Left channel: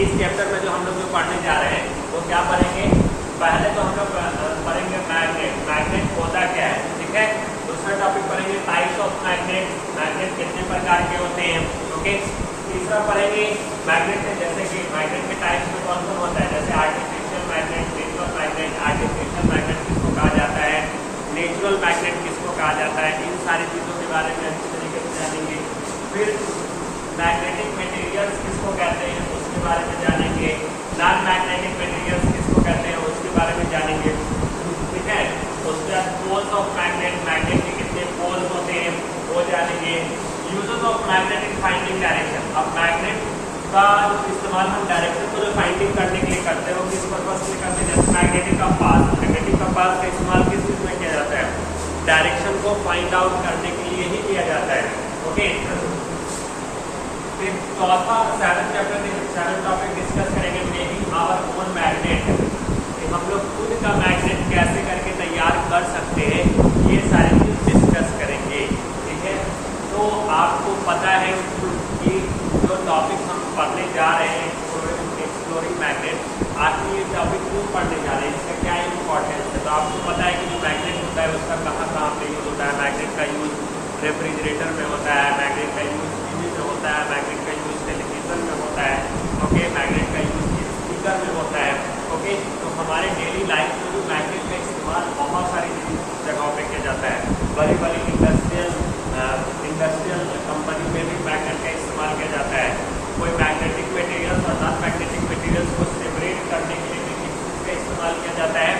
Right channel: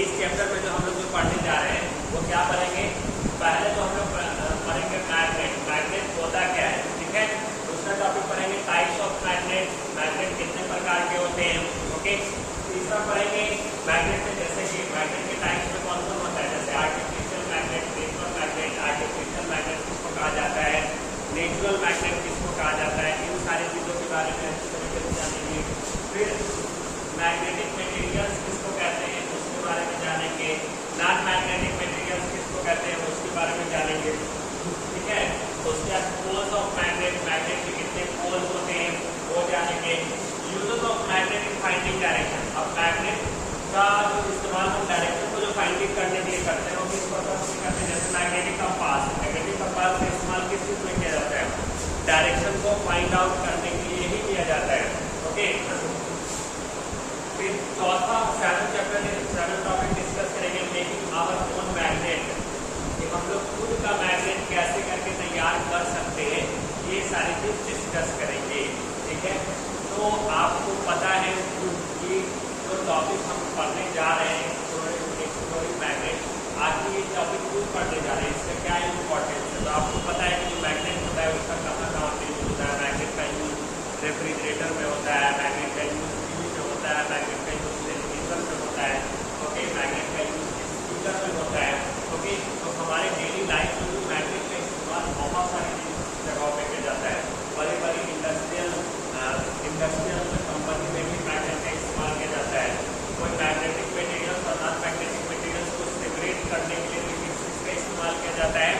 इस चैप्टर में जो हम लोग पढ़ने जा रहे हैं वो क्या पढ़ेंगे, पहले तो हम लोग पढ़ेंगे मैग्नेट, मैग्नेट होता क्या है, ठीक है। दूसरा टॉपिक पढ़ेंगे टाइप्स ऑफ मैग्नेट, मैग्नेट कितने प्रकार के होते हैं, ओके। तीसरा पढ़ेंगे मैग्नेट में, जैसे कि मैग्नेट के टाइप्स में कौन कौन होता है, जैसे artificial magnet, natural magnet, artificial magnet किसको कहा जाता है, नेचुरल मैग्नेट किसको कहा जाता है, इन सारी चीज़ों के बारे में अच्छी तरीके से जानेंगे। फिर मैग्नेटिक मटेरियल्स किसको कहते हैं उसके बारे में जानेंगे, नॉन मैग्नेटिक मटेरियल्स किसको कहते हैं उसके बारे में जानेंगे, ठीक है। उसके बाद पोल्स ऑफ मैग्नेट, मैग्नेट के कितने पोल होते हैं वो जानेंगे। Uses of magnet in finding direction, अब मैग्नेट का इस्तेमाल हम डायरेक्शन को जो फाइंडिंग करने के लिए करते हैं वो किस पर्पज से करते हैं, जैसे मैग्नेटिक कंपास, मैग्नेटिक कंपास का इस्तेमाल किस चीज़ में किया जाता है, डायरेक्शन को फाइंड आउट करने के लिए ही किया जाता है, ओके। फिर चौथा सेवन टॉपिक डिस्कस करेंगे मेकिंग आवर ओन मैग्नेट, हम लोग खुद का मैग्नेट कैसे करके तैयार कर सकते हैं, ये सारी चीज डिस्कस करेंगे, ठीक है। तो आपको पता है कि जो टॉपिक हम पढ़ने जा रहे हैं एक्सप्लोरिंग मैग्नेट, आखिर ये टॉपिक क्यों पढ़ने जा रहे हैं, इसका क्या इंपॉर्टेंस है। तो आपको पता है कि जो मैग्नेट होता है उसका कहाँ कहाँ पे यूज होता है, मैग्नेट का यूज रेफ्रिजरेटर में होता है, मैग्नेट का यूज टीवी में होता है, मैग्नेट का यूज टेलीविजन में होता है, ओके, मैग्नेट का यूज स्पीकर में होता है, ओके। तो हमारे डेली लाइफ में भी मैग्नेट का इस्तेमाल बहुत सारी जगहों पे किया जाता है, बड़ी बड़ी इंडस्ट्रियल कंपनी में भी मैग्नेट का इस्तेमाल किया जाता है। कोई मैग्नेटिक मटेरियल्स और नॉन मैग्नेटिक मटेरियल्स को सेपरेट करने के लिए किसका इस्तेमाल किया जाता है,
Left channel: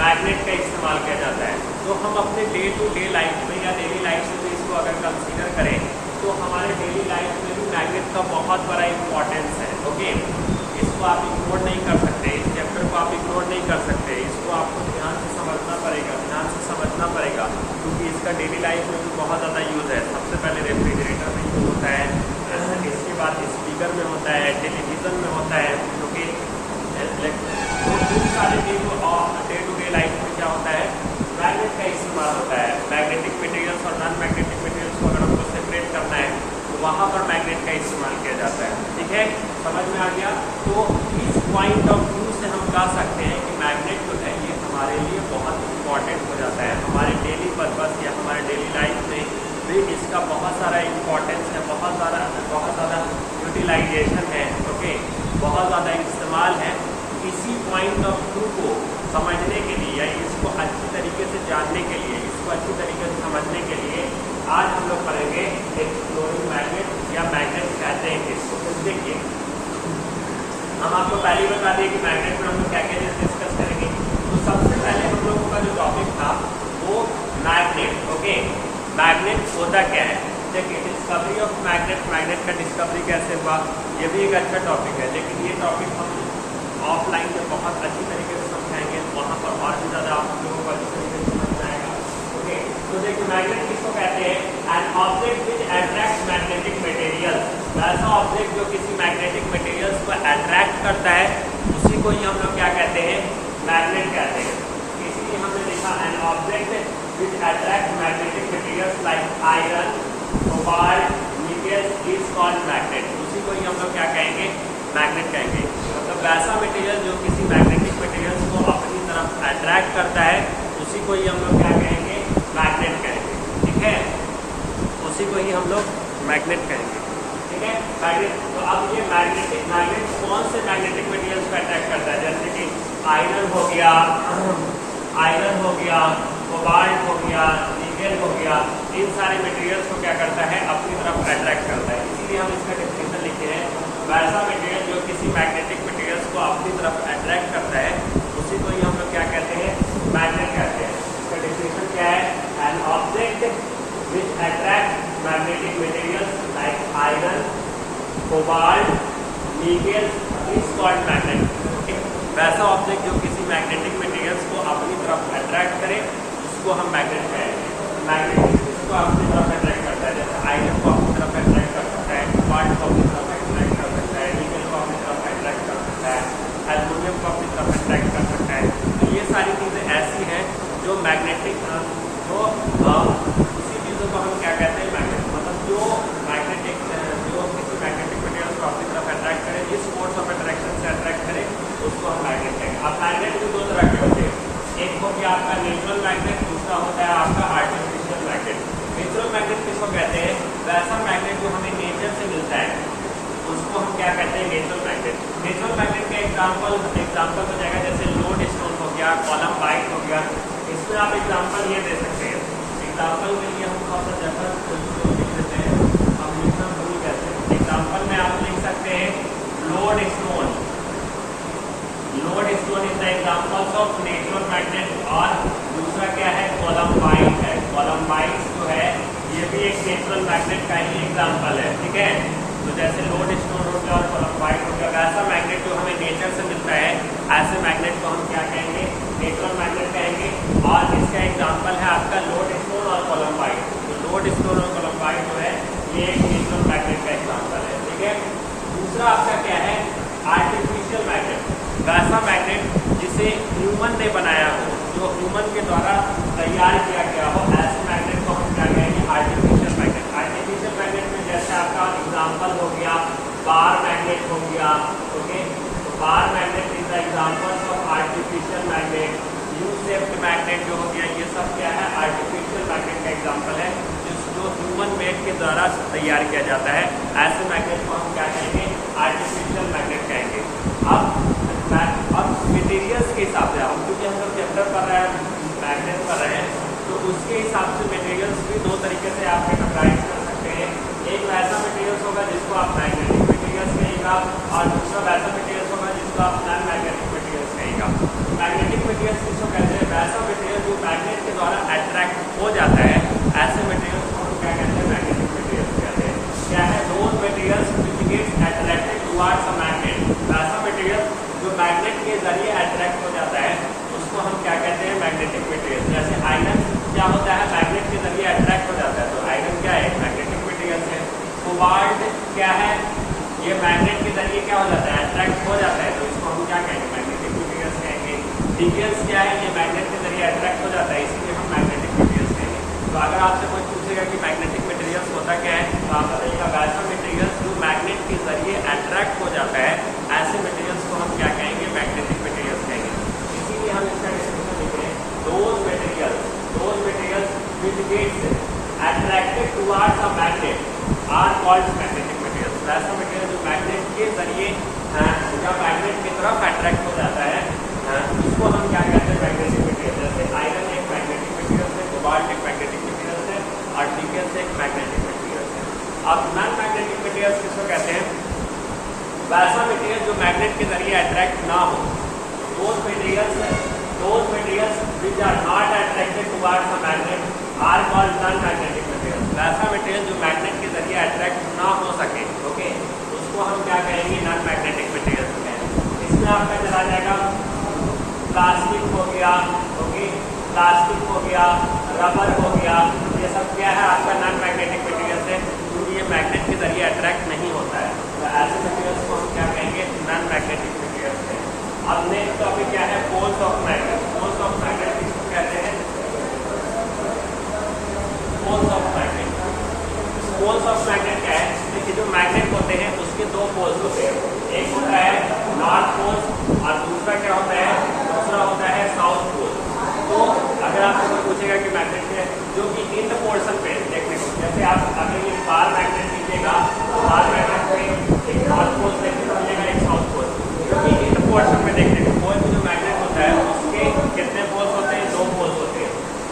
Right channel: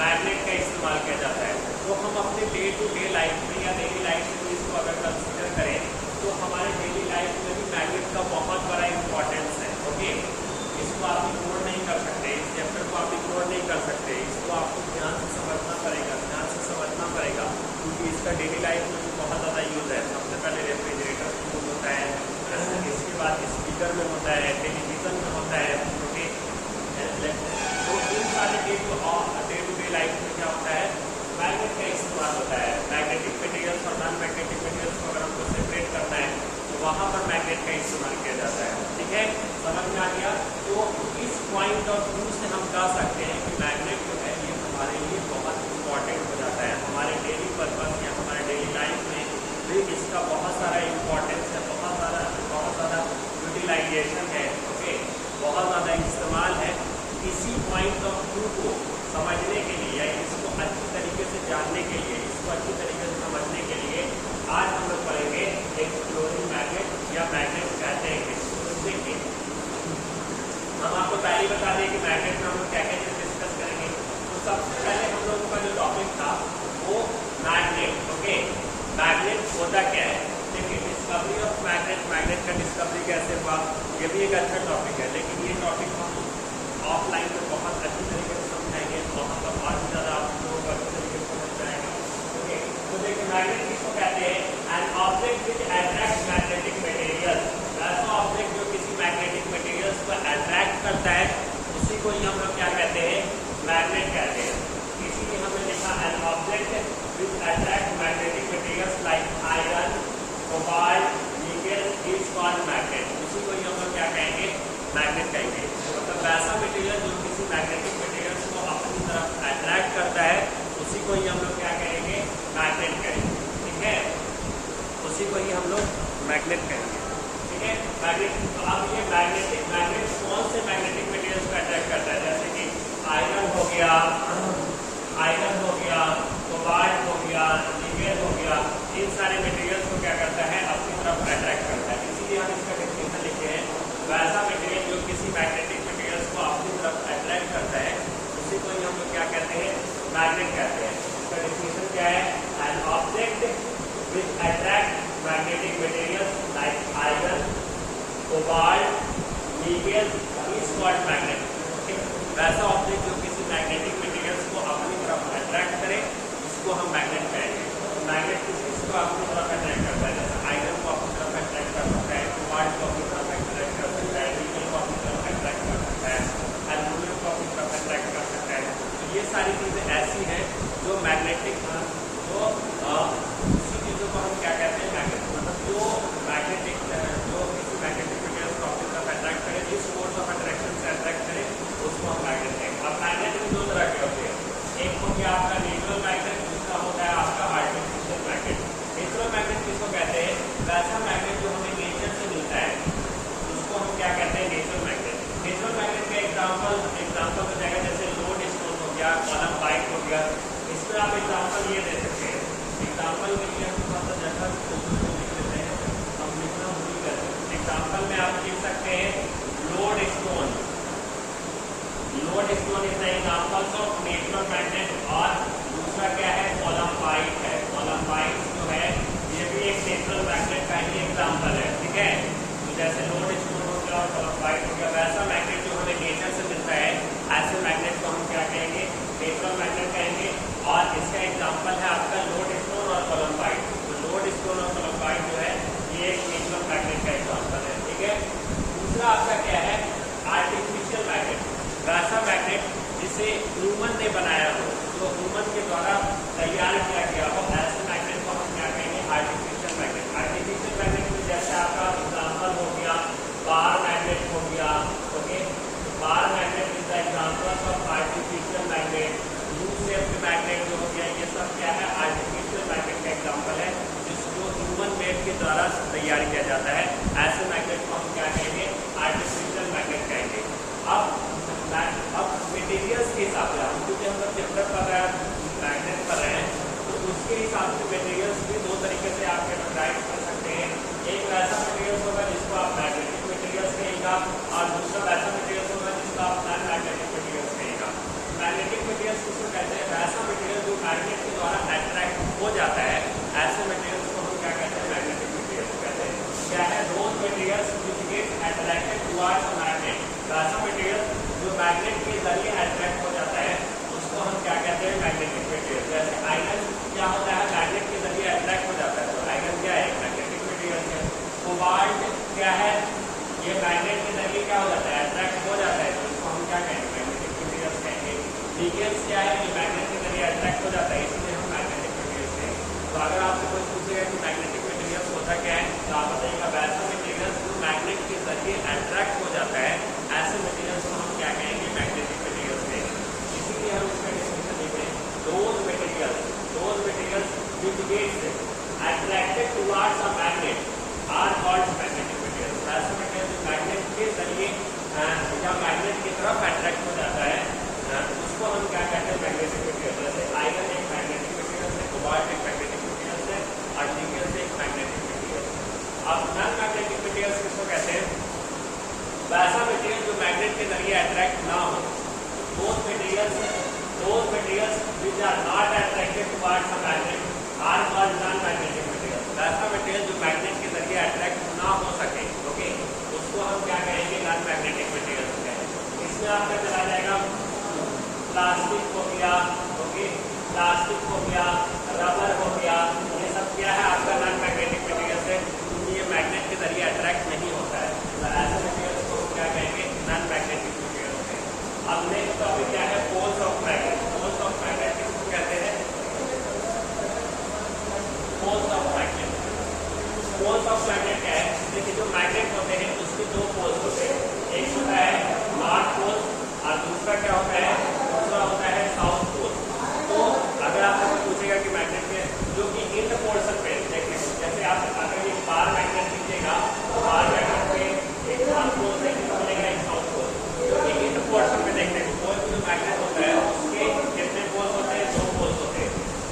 मैग्नेट का इस्तेमाल किया जाता है। तो हम अपने डे टू डे लाइफ में या डेली लाइफ में इसको अगर कंसिडर करें तो हमारे डेली लाइफ में भी मैग्नेट का बहुत बड़ा इंपॉर्टेंस है, ओके। इसको आप इग्नोर नहीं कर सकते, इस चैप्टर को आप इग्नोर नहीं कर सकते, इसको आपको ध्यान से समझना पड़ेगा, क्योंकि इसका डेली लाइफ में भी बहुत ज़्यादा यूज़ है। सबसे पहले रेफ्रिजरेटर में यूज़ होता है, इसके बाद स्पीकर में होता है, टेलीविज़न में होता है, ओके। तो इन सारे डे टू डे लाइफ में क्या होता है, मैग्नेट का इस्तेमाल होता है। मैग्नेटिक मटेरियल्स और नॉन मैग्नेटिक मटेरियल्स को अगर हमको सेपरेट करना है तो वहाँ पर मैग्नेट का इस्तेमाल किया जाता है, ठीक है, समझ में आ गया। तो इस पॉइंट ऑफ व्यू से हम कह सकते हैं कि मैग्नेट जो है ये हमारे लिए बहुत इंपॉर्टेंट हो जाता है, हमारे डेली पर्पस या हमारे डेली लाइफ में भी इसका बहुत सारा इम्पोर्टेंस है, बहुत ज़्यादा यूटिलाइजेशन है, ओके, बहुत ज़्यादा इस्तेमाल है। इसी पॉइंट ऑफ व्यू को समझने के लिए या इसको अच्छी तरीके से जानने के लिए, इसको अच्छी तरीके से समझने के लिए आज हम लोग पढ़ेंगे एक्सप्लोरिंग मैग्नेट या मैग्नेट कहते हैं इसको। फिर देखिए हम आपको पहले ही बता दें कि मैग्नेट में हम लोग क्या क्या डिस्कस करेंगे। तो सबसे पहले हम लोगों का जो टॉपिक था वो मैग्नेट, ओके। मैग्नेट होता क्या है, देखिए डिस्कवरी ऑफ मैग्नेट, मैग्नेट का डिस्कवरी कैसे हुआ, ये भी एक अच्छा टॉपिक है, लेकिन ये टॉपिक हम ऑफलाइन में बहुत अच्छी तरीके से समझाएंगे, वहाँ पर और भी ज़्यादा आप लोगों को अच्छी तरीके से समझ आएगा, ओके। तो देखिए मैग्नेट किसको कहते हैं, an object which attract magnetic material, ऐसा ऑब्जेक्ट जो किसी मैग्नेटिक मटेरियल्स को अट्रैक्ट करता है उसी को ही हम लोग क्या कहते हैं, मैग्नेट कहते हैं। इसीलिए हमने देखा an object which attract magnetic materials like iron, cobalt, nickel is called magnet, उसी को ही हम लोग क्या कहेंगे, मैग्नेट कहेंगे। मतलब वैसा मटेरियल जो किसी मैग्नेटिक मटेरियल्स को अपनी तरफ अट्रैक्ट करता है उसी को ही हम लोग क्या कहेंगे, मैग्नेट कहेंगे, ठीक है, उसी को ही हम लोग मैग्नेट कहेंगे, ठीक है, मैग्नेट। तो अब ये मैग्नेट कौन से मैग्नेटिक मटेरियल्स को अट्रैक्ट करता है, जैसे कि आयरन हो गया, कोबाल्ट हो गया, निकेल हो गया, इन सारे मटेरियल्स को क्या करता है, अपनी तरफ अट्रैक्ट करता है। इसीलिए हम इसका डेफिनेशन लिखे हैं, वैसा मटेरियल जो किसी मैग्नेटिक मटेरियल्स को अपनी तरफ अट्रैक्ट करता है उसी को ही हम लोग क्या कहते हैं, मैग्नेट कहते हैं। इसका डेफिनेशन क्या है, an object which attract magnetic materials like iron, cobalt, nickel is called magnet. वैसा ऑब्जेक्ट जो किसी मैग्नेटिक मटेरियल्स को अपनी तरफ अट्रैक्ट करे उसको हम मैग्नेट कहेंगे। मैग्नेट इसको अपनी तरफ अट्रैक्ट करता है, जैसे आयरन को अपनी तरफ अट्रैक्ट कर सकता है, कोबाल्ट को अपनी तरफ अट्रैक्ट कर सकता है, निकेल को अपनी तरफ अट्रैक्ट कर सकता है, एल्युमिनियम को अपनी तरफ अट्रैक्ट कर सकता है। तो ये सारी चीज़ें ऐसी हैं जो मैग्नेटिक जो उसी चीज़ों को हम क्या कहते हैं, मैग्नेट, मतलब जो मैग्नेटिक जो किसी मैग्नेटिक मटेरियल्स को अपनी तरफ अट्रैक्ट करे, इस फोर्स ऑफ अट्रैक्शन वैसा मैग्नेट जो हमें नेचर से मिलता है उसको हम क्या कहते हैं, नेचुरल मैग्नेट। नेचुरल मैग्नेट का एग्जाम्पल हो जाएगा जैसे लोड स्टोन हो गया, कॉलम बाइट हो गया। इसमें आप एग्जाम्पल ये दे सकते हैं, एग्जाम्पल के लिए हम वहाँ पर जगह लिख लेते हैं, हम लिखना भूल जाते हैं। एग्जाम्पल में आप लिख सकते हैं load stone. Load stone is the examples of natural magnet. और दूसरा क्या है, कॉलम बाइट है। कॉलम बाइट जो है ये भी एक नेचुरल मैग्नेट का ही एग्जाम्पल है, ठीक है। तो जैसे लोड स्टोन हो गया और कॉलम बाइट हो गया, वैसा मैग्नेट जो हमें नेचर से मिलता है ऐसे मैग्नेट को हम क्या कहेंगे, नेचुरल मैग्नेट कहेंगे। और इसका एग्जाम्पल है आपका लोड स्टोन और कॉलम बाइट। तो लोड स्टोन और कॉलम बाइट जो है ये एक नेचुरल मैग्नेट का एग्जाम्पल है, ठीक है। दूसरा आपका क्या है, आर्टिफिशियल मैग्नेट। वैसा मैग्नेट जिसे ह्यूमन ने बनाया हो, जो ह्यूमन के द्वारा तैयार किया गया हो, ऐसे मैग्नेट को हम क्या कहेंगे, आर्टिफिशियल मैग्नेट। आर्टिफिशियल मैग्नेट में जैसे आपका एग्जाम्पल हो गया बार मैग्नेट हो गया, ओके। तो बार magnet is the examples of artificial magnet. U shaped magnet जो हो गया, ये सब क्या है, आर्टिफिशियल मैग्नेट का एग्जाम्पल है जो ह्यूमन मेड के द्वारा तैयार किया जाता है। ऐसे मैग्नेट को हम क्या कहेंगे, आर्टिफिशियल मैग्नेट कहेंगे। अब मटेरियल्स के हिसाब से हम, क्योंकि हम लोग चैप्टर पढ़ रहे हैं, मैग्नेट पढ़ रहे हैं, तो उसके हिसाब से मटेरियल्स भी दो तरीके से आप कैटेगराइज कर सकते हैं। एक वैसा मटेरियल्स होगा जिसको आप मैग्नेटिक मटेरियल्स कहेगा, और दूसरा वैसा मटेरियल्स होगा जिसको आप नॉन मैग्नेटिक मटेरियल्स कहेगा। मैग्नेटिक मटेरियल्स किसको कहते हैं, वैसा मटेरियल जो मैग्नेट के द्वारा अट्रैक्ट हो जाता है, ऐसे मटेरियल्स को हम क्या कहते हैं, मैग्नेटिक मटेरियल्स कहते हैं। क्या है, those materials which gets attracted towards a magnet. वैसा मटेरियल जो मैग्नेट के जरिए अट्रैक्ट हो जाता है उसको हम क्या कहते हैं, मैग्नेटिक मटेरियल। जैसे आयरन क्या होता है, मैग्नेट के जरिए अट्रैक्ट हो जाता है, तो आयरन क्या है, मैग्नेटिक मटेरियल है। कोबाल्ट क्या है, ये मैग्नेट के जरिए क्या हो जाता है, अट्रैक्ट हो जाता है, तो इसको हम क्या कहेंगे, मैग्नेटिक मटेरियल्स कहेंगे। डिगल्स क्या है, ये मैग्नेट के जरिए अट्रैक्ट हो जाता है, इसीलिए हम मैग्नेटिक मटेरियल्स कहेंगे। तो अगर आपसे कोई पूछेगा कि मैग्नेटिक मटेरियल्स होता क्या है, तो आप बताइएगा वैसा मटेरियल्स जो मैग्नेट के जरिए अट्रैक्ट हो जाता है, ऐसे मटेरियल्स को हम क्या कहेंगे, मैग्नेटिक मटेरियल्स कहेंगे। इसीलिए हम इसका डिस्क्रिप्शन लिखे, those materials which gets attracted towards a magnet are called magnetic materials. वैसा मटेरियल जो मैग्नेट के जरिए या मैग्नेट की तरफ अट्रैक्ट हो जाता है, उसको हम क्या कहते हैं, मैग्नेटिक मटेरियल। जैसे आयरन एक मैग्नेटिक मटेरियल है, कोबाल्ट एक मैग्नेटिक मटेरियल है, और निकल एक मैग्नेटिक मटेरियल है। अब नॉन मैग्नेटिक मटेरियल्स किसको कहते हैं, वैसा मटेरियल जो मैग्नेट के जरिए अट्रैक्ट ना हो। Those materials which are not attracted towards a magnet are called non magnetic material. वैसा मटेरियल जो मैग्नेट के जरिए अट्रैक्ट ना हो सके, ओके, उसको हम क्या कहेंगे, नॉन मैग्नेटिक मटेरियल्स कहेंगे। इसमें आपका चला जाएगा प्लास्टिक हो गया, ओके, प्लास्टिक हो गया, रबर हो गया, ये सब क्या है, आपका नॉन मैग्नेटिक मटेरियल्स है, क्योंकि ये मैग्नेट के जरिए अट्रैक्ट नहीं होता है। तो ऐसे मटेरियल्स को हम क्या कहेंगे, नॉन मैग्नेटिक मटेरियल्स है। अब नेक्स्ट टॉपिक क्या है, poles of magnet. Poles of magnet किसको कहते हैं, poles of magnet. Poles of magnet क्या है, देखिए जो मैग्नेट होते हैं उसके दो पोल्स होते हैं, एक होता है नॉर्थ पोल और दूसरा क्या होता है, दूसरा होता है साउथ पोल। तो अगर आपसे पूछेगा कि मैग्नेट में जो कि इंड पोर्शन पे देखने को, जैसे आप अगर ये बार मैग्नेट लीजिएगा तो बार मैग्नेट में एक नॉर्थ पोल देखने को मिलेगा, एक साउथ पोल। जो कि इंड पोर्शन में देखने को, कोई भी जो मैग्नेट होता है उसके कितने पोल्स होते हैं, दो पोल्स होते हैं,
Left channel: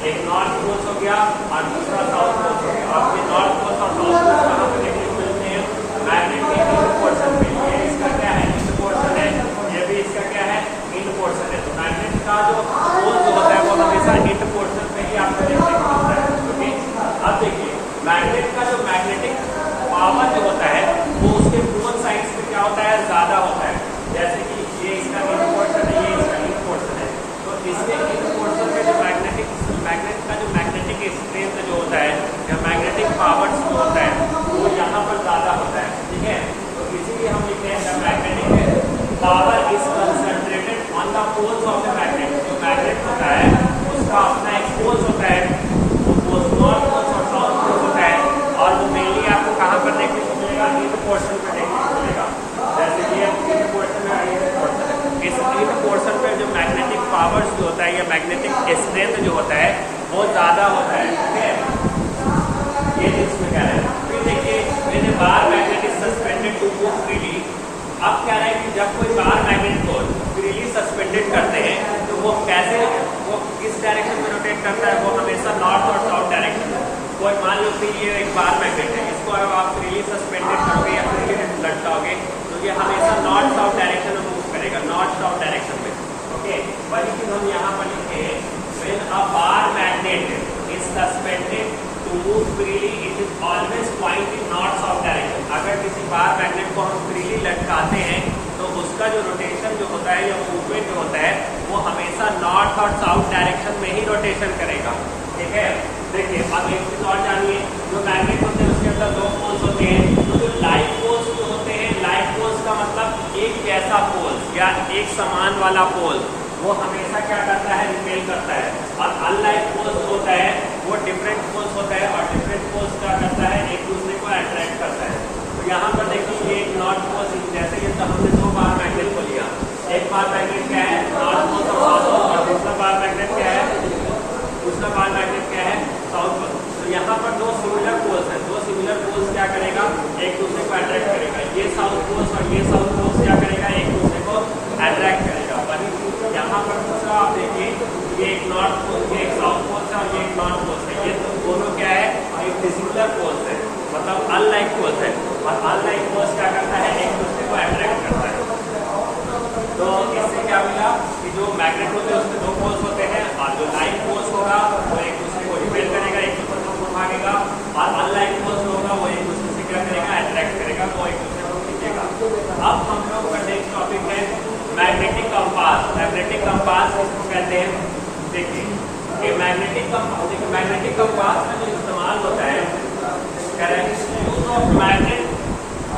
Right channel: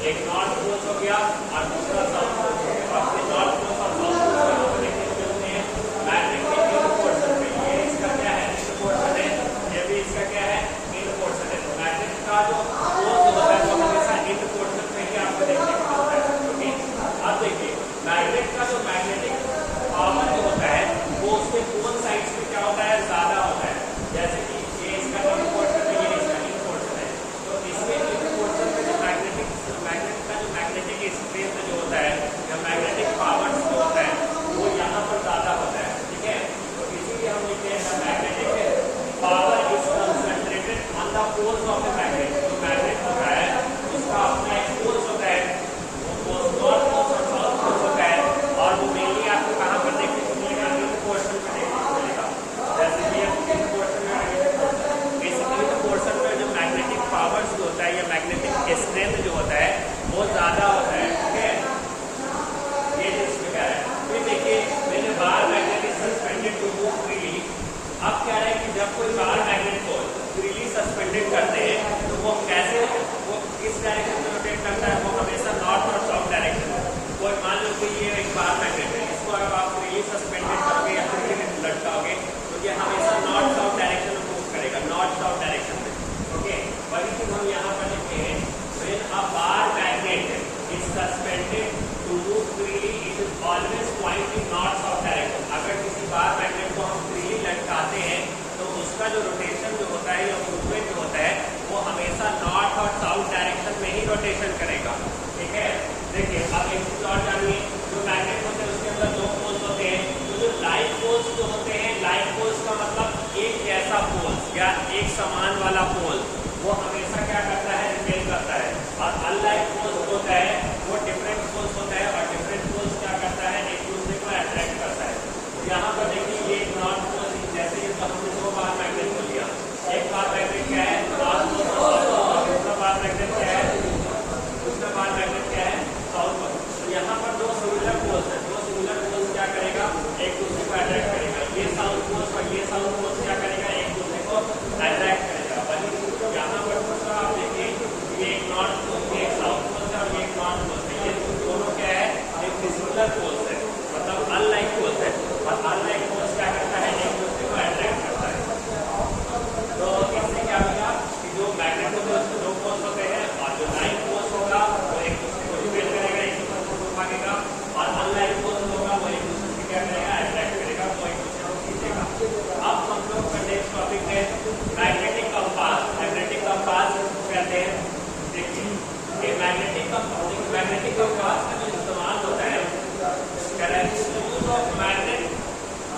एक नॉर्थ पोल्स हो गया और दूसरा साउथ पोल्स हो गया। आपके नॉर्थ पोल्स और साउथ पोल्स कहाँ पर देखने को मिलते हैं, मैग्नेट के इंड पोर्शन पे। ये इसका क्या है, इंड पोर्शन है, ये भी इसका क्या है, इंड पोर्शन है। तो मैग्नेट का जो पोल जो होता है वो हमेशा इंड पोर्शन पे ही आपको देखने को मिलता है, ओके। अब देखिए मैग्नेट का जो मैग्नेटिक पावर जो होता है वो उसके पोल साइड्स पे क्या होता है, ज्यादा होता है। जैसे कि ये इसका इंड पोर्शन है, ये इसका इंड पोर्शन है, तो इसके इंड पोर्शन पे जो मैग्नेट का जो मैग्नेटिक स्ट्रेंथ जो होता है या मैग्नेटिक पावर जो होता है वो यहाँ पर ज्यादा होता है, ठीक है। तो इसीलिए हम लिखते हैं magnetic power is concentrated on the poles of the magnet. जो मैग्नेट होता है उसका अपना एक पोल्स होता है, वो पोल्स नॉर्थ पोल्स और साउथ पोल्स होता है, और वो मेनली आपको कहाँ पर देखने को मिलेगा, इंड पोर्शन पे देखने डायरेक्शन में रोटेट करता है वो हमेशा नॉर्थ और साउथ डायरेक्शन में। कोई मान लो कि ये एक बार मैग्नेट है, इसको अगर आप फ्रीली सस्पेंडेड करोगे या फ्रीली लटकाओगे तो ये हमेशा नॉर्थ साउथ डायरेक्शन में मूव करेगा, नॉर्थ साउथ डायरेक्शन में। ओके, वही चीज हम यहाँ पर लिखे हैं, when a bar magnet is suspended to move freely it is always point in north south direction. अगर किसी बार मैग्नेट को हम फ्रीली लटकाते हैं तो उसका जो रोटेशन जो होता है या मूवमेंट जो होता है वो हमेशा नॉर्थ और साउथ डायरेक्शन में ही रोटेशन करेगा। ठीक है, देखिए अब एक चीज और जानिए, जो मैग्नेट होते हैं उसके अंदर दो पोल्स होते हैं। तो जो लाइक पोल्स जो होते हैं, लाइक पोल्स का मतलब एक जैसा पोल्स या एक समान वाला पोल, वो हमेशा क्या करता है, रिपेल करता है। और अनलाइक पोल्स होता है वो डिफरेंट पोल्स होता है और डिफरेंट पोल्स क्या करता है, एक दूसरे को अट्रैक्ट करता है। तो यहाँ पर देखिए ये एक नॉर्थ पोल, जैसे ये तो हमने दो बार मैग्नेट को लिया, एक बार मैग्नेट क्या है नॉर्थ पोल और दूसरा बार मैग्नेट क्या है, दूसरा बार मैग्नेट क्या है साउथ पोल। तो यहाँ पर दो सिमिलर पोल्स हैं, दो सिमिलर पोल्स क्या करेगा, एक दूसरे को अट्रैक्ट करेगा। ये साउथ पोल्स और ये साउथ पोल्स क्या करेगा, एक दूसरे को अट्रैक्ट करेगा। वही यहाँ पर दूसरा आप देखिए, ये एक नॉर्थ पोल, ये एक साउथ पोल है और ये एक नॉर्थ पोल है। ये दोनों क्या है, एक डिसिमिलर पोल्स है, मतलब अनलाइक पोल्स है। और अनलाइक पोल्स क्या करता है, एक दूसरे को अट्रैक्ट करता है। तो इससे क्या मिला कि जो मैग्नेट होते हैं उसमें दो पोल्स होते हैं और जो लाइक पोल्स होगा वो एक दूसरे को रिपेल करेगा, एक दूसरे को भागेगा। और अनलाइक पोल्स होगा वो एक दूसरे से क्या करेगा, अट्रैक्ट करेगा, वो एक दूसरे को खींचेगा। अब हम लोग का नेक्स्ट टॉपिक है मैग्नेटिक कंपास। मैग्नेटिक कंपास इसको कहते हैं, देखिए मैग्नेटिक कंपास में जो इस्तेमाल होता है use of magnet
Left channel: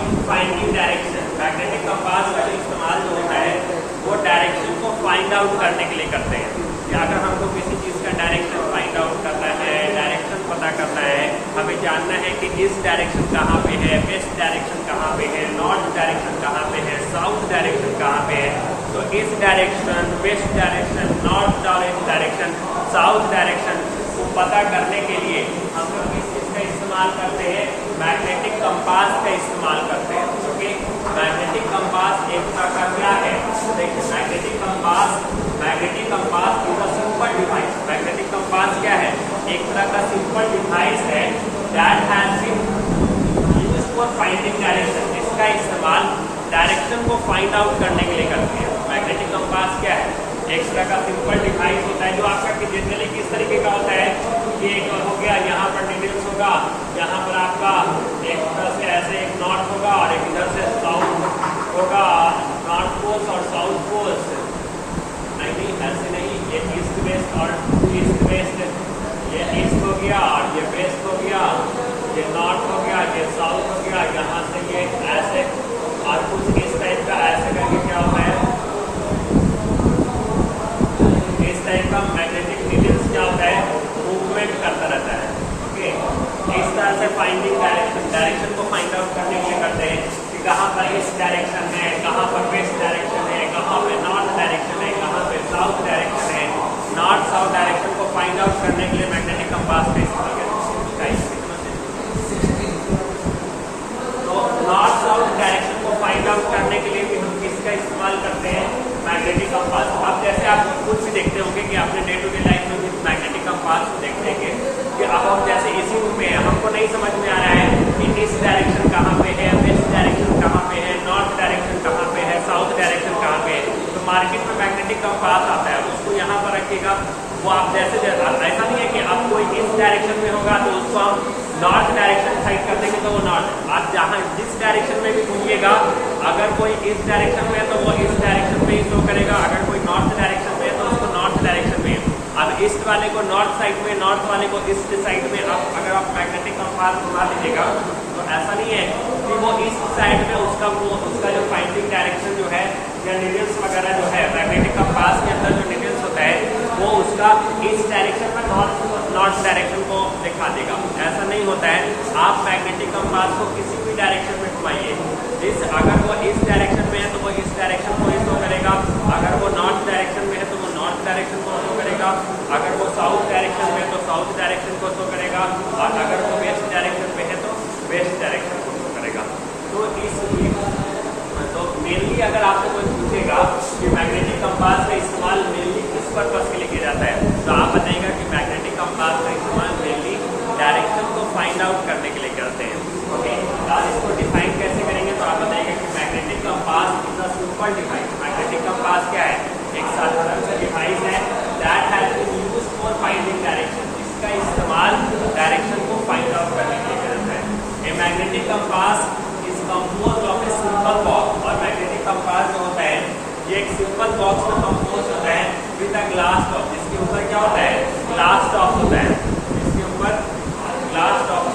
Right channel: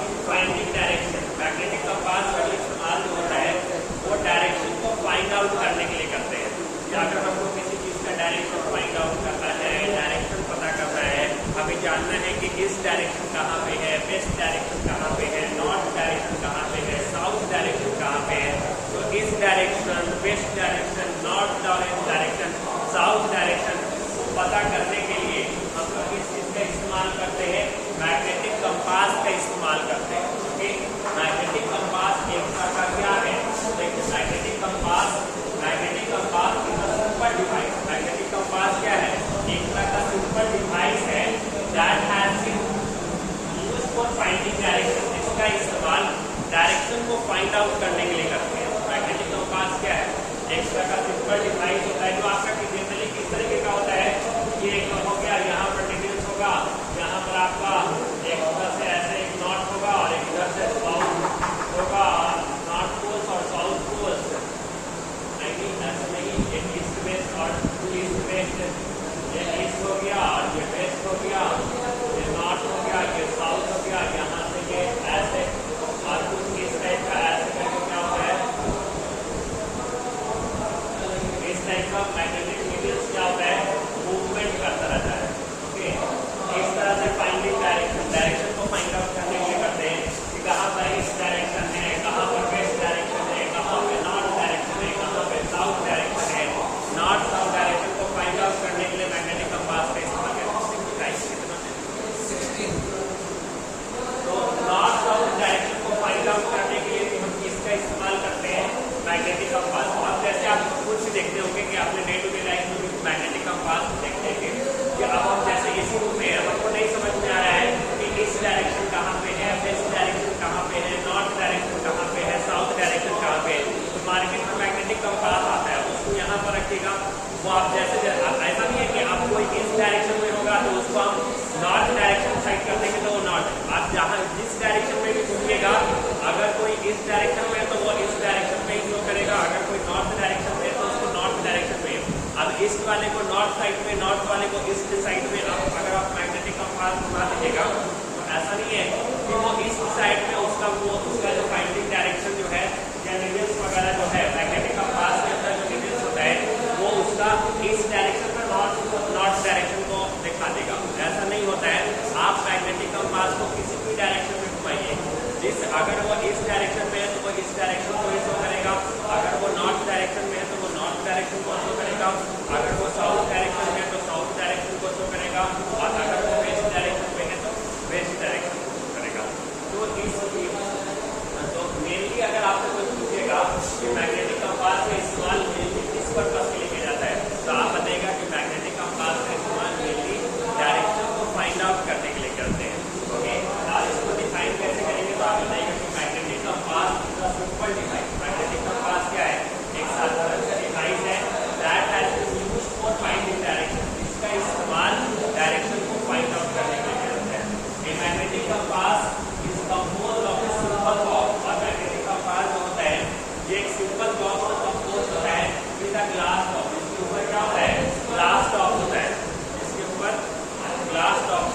in finding direction. Magnetic compass का जो इस्तेमाल जो होता है वो डायरेक्शन को फाइंड आउट करने के लिए करते हैं। कि अगर हमको किसी चीज का डायरेक्शन फाइंड आउट करना है, डायरेक्शन पता करना है, हमें जानना है कि इस डायरेक्शन कहाँ पे है, वेस्ट डायरेक्शन कहाँ पे है, नॉर्थ डायरेक्शन कहाँ पे है, साउथ डायरेक्शन कहाँ पे है। तो इस direction, west direction, north direction, south direction को पता करने के लिए हम लोग किस चीज का इस्तेमाल करते हैं, मैग्नेटिक कंपास का इस्तेमाल करते हैं। ओके, मैग्नेटिक कंपास एक तरह का क्या है, देखिए magnetic compass is a simple device. Magnetic compass क्या है, एक तरह का सिंपल डिवाइस है that has been used for finding direction. इसका इस्तेमाल डायरेक्शन को फाइंड आउट करने के लिए करते हैं। मैग्नेटिक कंपास क्या है, एक तरह का सिंपल डिवाइस होता है जो आपका जनरली किस तरीके का होता है, ये हो गया यहाँ पर नीडल्स होगा, यहाँ पर आपका एक तरह से ऐसे एक नॉर्थ होगा और एक इधर से साउथ होगा, नॉर्थ पोल्स और साउथ पोल्स। नहीं ऐसे नहीं, एक ईस्ट वेस्ट और ईस्ट वेस्ट, ये ईस्ट हो गया और ये वेस्ट हो गया, ये नॉर्थ हो गया, ये साउथ हो गया, यहाँ से ये ऐसे और कुछ इस टाइप का ऐसे करके क्या होता है, इस टाइप का मैग्नेटिक नीडल्स क्या होता है, मूवमेंट करता रहता है। ओके, इस तरह से फाइंडिंग डायरेक्शन को फाइंड आउट करने के लिए करते हैं कि कहाँ पर ईस्ट डायरेक्शन है, कहाँ पर वेस्ट डायरेक्शन है, कहाँ पे नॉर्थ डायरेक्शन है, कहाँ पे साउथ डायरेक्शन है। नॉर्थ साउथ डायरेक्शन को फाइंड आउट करने के लिए मैग्नेटिक कंपास का इस्तेमाल करते हैं। तो नॉर्थ साउथ डायरेक्शन को फाइंड आउट करने के लिए भी हम किसका इस्तेमाल करते हैं, मैग्नेटिक कंपास। अब जैसे आप खुद भी देखते होंगे कि आपने डे टू डे लाइफ में भी मैग्नेटिक कंपास को देखते हैं कि अब हम जैसे इसी रूम में हैं, हमको नहीं समझ में आ रहा है कि ईस्ट डायरेक्शन कहाँ पे है, वेस्ट डायरेक्शन कहाँ पे है, नॉर्थ डायरेक्शन कहाँ पे है, साउथ डायरेक्शन कहाँ पे है। तो मार्केट में मैग्नेटिक कंपास आता है, उसको यहाँ पर रखिएगा। वो आप जैसे ऐसा नहीं है कि आप कोई ईस्ट डायरेक्शन में होगा तो उसको हम नॉर्थ डायरेक्शन साइड कर देंगे तो वो नॉर्थ। आप जहाँ जिस डायरेक्शन में भी घूमिएगा, अगर कोई ईस्ट डायरेक्शन में है तो वो ईस्ट डायरेक्शन में ही शो करेगा, अगर कोई नॉर्थ डायरेक्शन में है तो उसको नॉर्थ डायरेक्शन में। अब ईस्ट वाले को नॉर्थ साइड में, नॉर्थ वाले को ईस्ट साइड में आप अगर आप मैग्नेटिक कंपास घुमा दीजिएगा तो ऐसा नहीं है कि वो ईस्ट साइड में उसका जो फाइंडिंग डायरेक्शन जो है या नीडल्स वगैरह जो है मैग्नेटिक कंपास के अंदर जो नीडल्स होता है वो उसका ईस्ट डायरेक्शन में नॉर्थ डायरेक्शन को दिखा देगा। ऐसा नहीं होता है। आप मैग्नेटिक कंपास को किसी भी डायरेक्शन में घुमाइए, अगर वो ईस्ट डायरेक्शन में है तो वो ईस्ट डायरेक्शन को ही शो करेगा, अगर वो नॉर्थ डायरेक्शन में है तो वो नॉर्थ डायरेक्शन को शो करेगा, अगर वो साउथ डायरेक्शन में है तो साउथ डायरेक्शन को शो करेगा, और अगर वो वेस्ट डायरेक्शन में है तो वेस्ट डायरेक्शन को शो करेगा। तो मेनली अगर आपको कोई पूछेगा कि मैग्नेटिक कंपास का इस्तेमाल मेनली किस पर्पस के लिए किया जाता है तो आप compass is composed of a simple box, और मैग्नेटिक कंपास जो होता है ये एक सिंपल बॉक्स में कंपोज होता है विद अ ग्लास टॉप, जिसके ऊपर क्या होता है, ग्लास टॉप होता है, इसके ऊपर ग्लास टॉप